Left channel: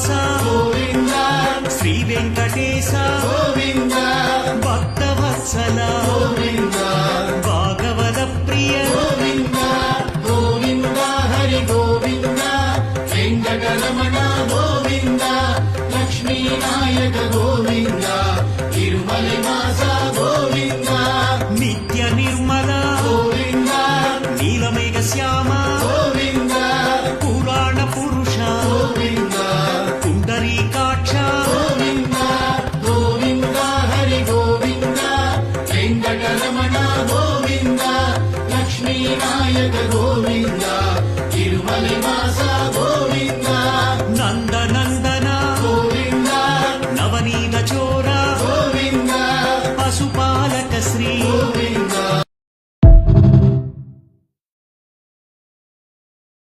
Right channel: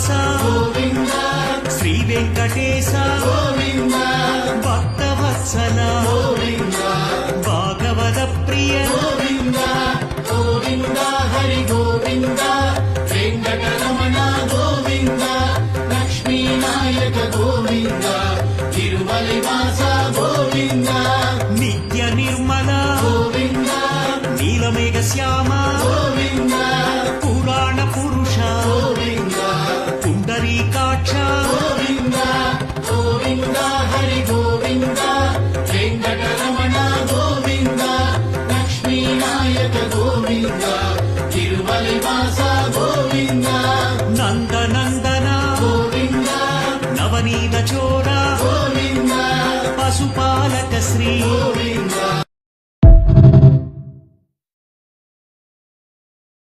శ్రీనివాస గోవింద శ్రీ వెంకటేశ గోవింద భక్తవత్సల గోవింద భాగవత ప్రియ గోవింద గోవింద హరి గోవింద వెంకటరమణ గోవింద లక్ష్మీనాయక గోవింద తిరుమలవాస గోవింద నిత్య నిర్మల గోవింద నీలమేఘ శ్యామ గోవింద పురాణ పురుష గోవింద పుండరీకాక్ష గోవింద గోవింద హరి గోవింద వెంకటరమణ గోవింద లక్ష్మీనాయక గోవింద తిరుమలవాస గోవింద నందనందన గోవింద నవనీత చోర గోవింద పశుపాలక శ్రీ గోవింద